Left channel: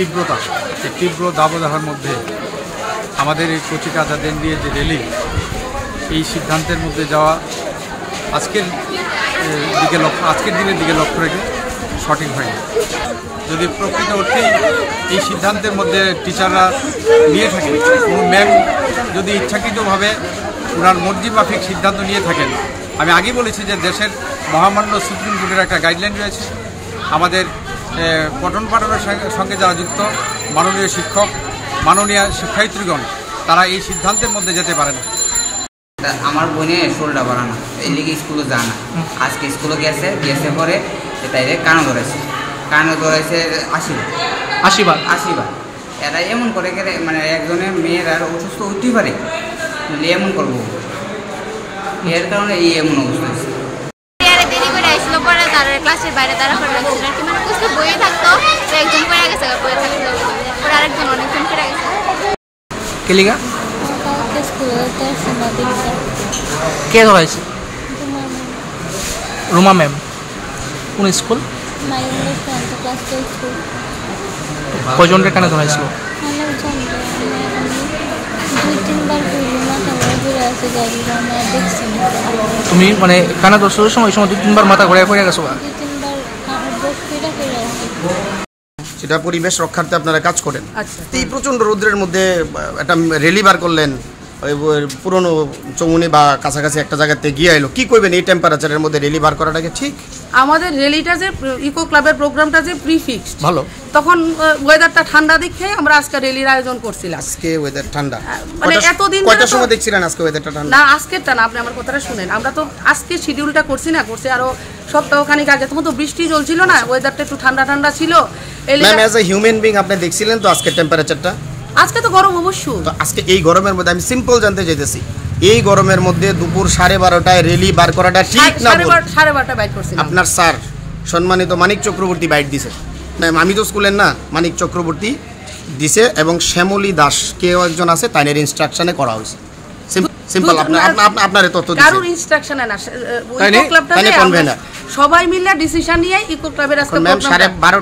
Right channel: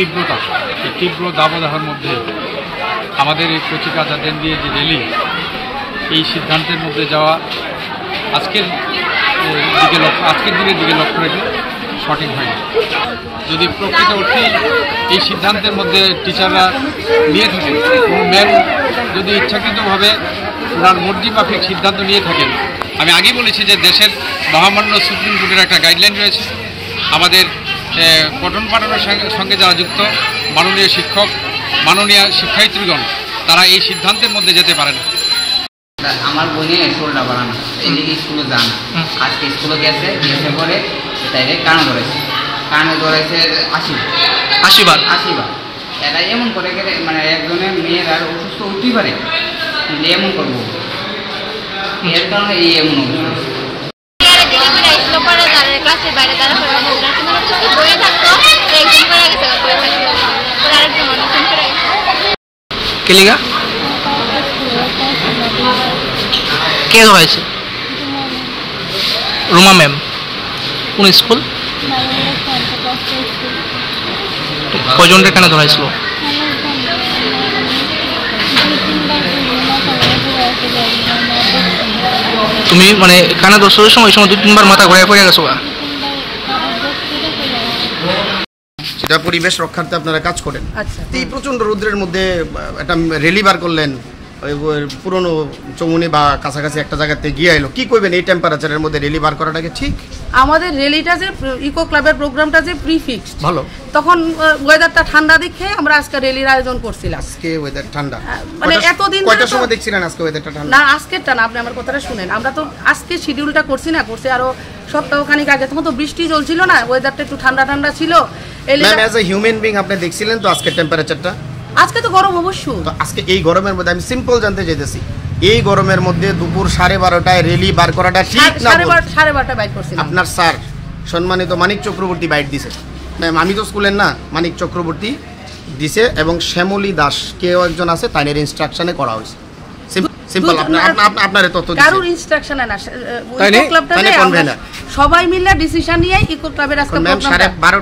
তীব্রতা, এই তীব্র দাবদাহের মধ্যে আমাদের এই কচিকাঁচাদের দিয়ে যে র্যালি, এই সিদ্ধান্তের মধ্যে যাওয়া আজকের দিনের দিকে লক্ষ্য রেখে সঠিক হয়নি। যদি প্রকৃত অর্থেই এই সিদ্ধান্তের মধ্যে টিচাররা নিয়ে থাকেন, কোনো ম্যাম যদি ইচ্ছাকৃতভাবে ওনার মর্জি মাফিক সিদ্ধান্ত নিয়ে থাকেন, আমি আগেই বলেছি যে দেশের মহামান্য সুপ্রিম কোর্টের একটা গাইডলাইন রয়েছে। আমাদের পঠন পাঠনের সঙ্গে যারা যুক্ত মাননীয় শিক্ষক, মাননীয় শিক্ষায়িত্রীগণ, তারা এই সিদ্ধান্তের মধ্যে যেতে পারে না। আমার বোনের শোলটা বানানো, এদিকে স্কুলে যান, আজকে স্কুলে গেছে পরে তাইলে কানে ধরেছে 80 বার। এরা এমন করে গেলে মানে একজনের মেয়ের আর অসুস্থ হতেই পারে, এমন করবো, এর কারণে এই এমন অবস্থা। ক্লাসের বাইরে তারা বইয়ে থাকতো, একজন পড়ে গেছে, বইয়ে থাকতো, আরেকজন অনেকজন পড়ে গেছে। কেলিগা কে ধরাইছে? রুমা ম্যাম। কোন স্কুল? কয়জনের কেন ধরাইছিল? তুমি মানে কানে দর্শকের সময় 2-3 বার মাথা ঘুরে পড়ে গেছো? সেটা পরিবেশ রক্ষার্থে আপনারা কাজ করেন। এই প্রচণ্ড রৌদ্রের মধ্যে একটা র্যালি বার করলেন, পুরনো চৌমুনি বা কাছাকাছি একটা জায়গাতে গিয়ে এলো, কি করবেন এই টেম্পারেচারের মধ্যে র্যালি বার করাটাকে? ঠিক, আমাদের র্যালিটা যে ইকো ক্লাবের প্রোগ্রামটা যে প্রিফিক্সড, ভালো, তখন ওয়েদারটা ঠান্ডা দেখে আমরা আজকে র্যালির আয়োজন করছিলাম। আজকে ওয়েদার ঠান্ডা, মানে এতদিন কয়টার সময় দেখছিলেন আজকে ওয়েদারটা ঠান্ডা? না, আজকেরটা না, আপনি আমার কথাটা শুনেন। আমরা তো আজকে শিডিউলটা করছি আরো সপ্তাহখানিক আগে, তখন তো বৃষ্টি চলছিল না, ওয়েদারটা একটু ঠান্ডা ঠান্ডা ছিল। Ma'am, as a human being আপনি দেখছিলেন তো আজকের টেম্পারেচারটা? আজকে তো গরম অবশ্যই। তো আজকে এই গরমের মধ্যে আমি সিম্পল জানতে চাইতেছি, এই গরমের মধ্যে দুপুর 12:30টায় র্যালি বার করাটা ঠিক না? 12:30 বাইট করছিলাম। আপনার স্যার সম্মানিত মানিক চক্রবর্তী বাইট দিছে, আমি তো স্কুলের না, মানিক চক্রবর্তী দিছে, এবং শ্যামলী দাস কেউ একজন আছে, তাদের ইনস্ট্রাকশনে করা হয়েছে। সিম্পল, আপনার তথ্য দিছে, কারোর ইনস্ট্রাকশনে না, ইকো ক্লাবটাতে আমরা সবাই মিলে ডিসিশন নিয়ে ইকো ক্লাবের আজকে প্রোগ্রাম। 12:30